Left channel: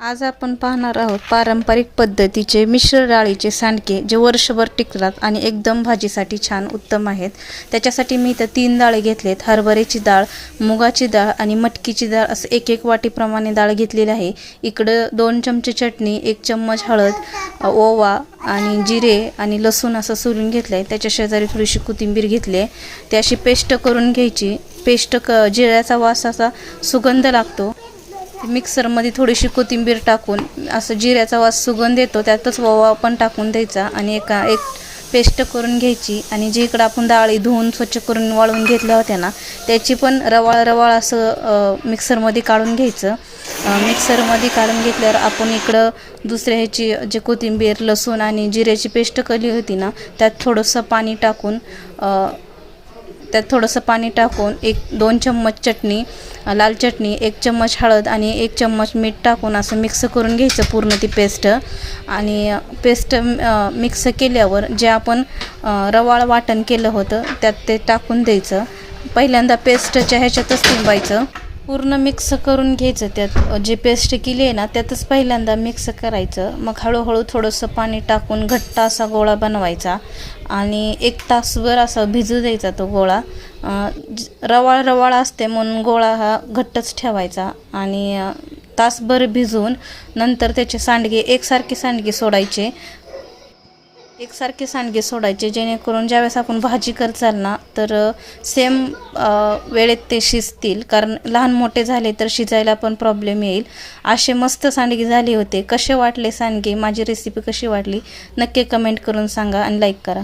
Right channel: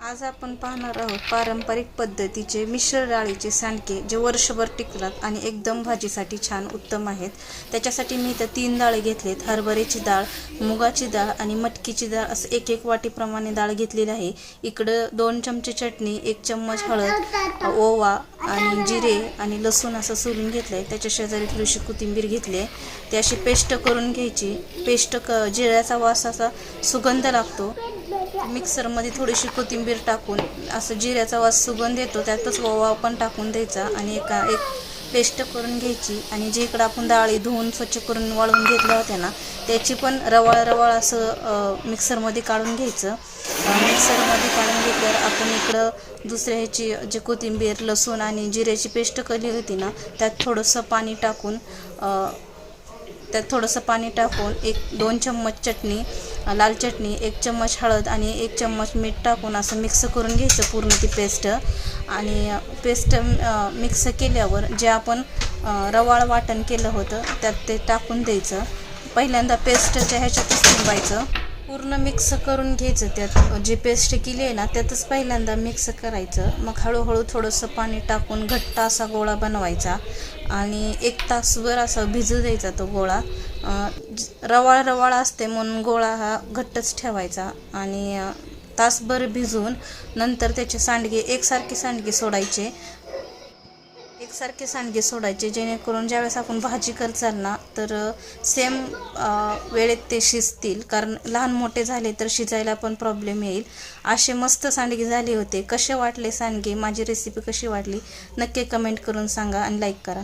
आज आपण पाहणार आहोत पारंपरिक पद्धतीचे मिश्र डाळीचे सांडगे जे वर्षभर टिकतात आणि एकदम भाजीसाठी छान उत्तम आहेत। त्याच्यासाठी मी इथं 3 डाळी घेतलेत। हरभऱ्याची डाळ, मुगाची डाळ आणि मटकीची डाळ असं एक एक वाटीप्रमाणे डाळ घेतलेली आहे। इकडं 2 चमचे चटणी, 1 चम्मच हळद, ओवा आणि जिरे आणि लसूण असं सोलून घेतलंय। त्याच्या शेजारी थोडीशी कोथिंबीर घेतली आहे, ती अशी पेस्ट करून घ्यायची। पेस्ट जिऱ्याचा वास असा सुगंध लागतो। मिक्सरमध्ये थोडीशी कोथिंबीर टाकून असं जिऱ्याचा वास सुगंध येतो, त्यातच ओवा पण टाकून द्यायचा आणि एक पेस्ट करून घ्यायची। आणि जे इकडं आपण डाळी धुवून स्वच्छ करून वाळवून घेतल्या होत्या ना, त्याची पण रवाळ असं मिक्सरमध्ये काढून घ्यायचं। मिक्सरमध्ये काढून घेतल्यावर आपण इकडं दुसऱ्या ह्याची जे कोथिंबीर, लसूण आणि जिऱ्याची पेस्ट केली होती ना, त्यात थोडंसं पाणी टाकून 2 चम्मच चटणी, लाल चटणी, 1 चम्मच हळद आणि 1 चम्मच मीठ टाकून असं मिक्स करून घ्यायचं पूर्ण ती पेस्ट। आणि पेस्ट मिक्स केल्यावर जे आपण रवाळ वाटण केलं होतं त्यात ते टाकून द्यायचं। पहिल्यांदा पेस्टच्या ह्याच्यातच तिंबायचं, पूर्ण मिक्स करून घ्यायचं। त्यात जे पेस्ट केली आहे ना त्यातच पहिल्यांदा मिक्स करायचं। मग हळूहळू थोडंसं पाणी टाकून घट्ट असा गोळा बनवायचा आणि 1 तासभर असा भिजू द्यायचा तो गोळा। रवाळ असते म्हणून गोळा हा घट्टच ठेवायचा आणि तासभर भिजवून नंतर त्याचे सांडगे एकसारखे सांडगे सोडायचे जेणेकरून ज्यावेळेस आपण भाजी करचाल ना तर सेम वेळेत ते शिजतील, कारण लहान मोठे झाले तर शिजायला पण प्रॉब्लेम येईल। असे मस्त सांडगे झाले होते। कसे वाटले सांडगे, माझी रेसिपी कशी वाटली नक्की कमेंट करून सांगा आणि लाईक करा।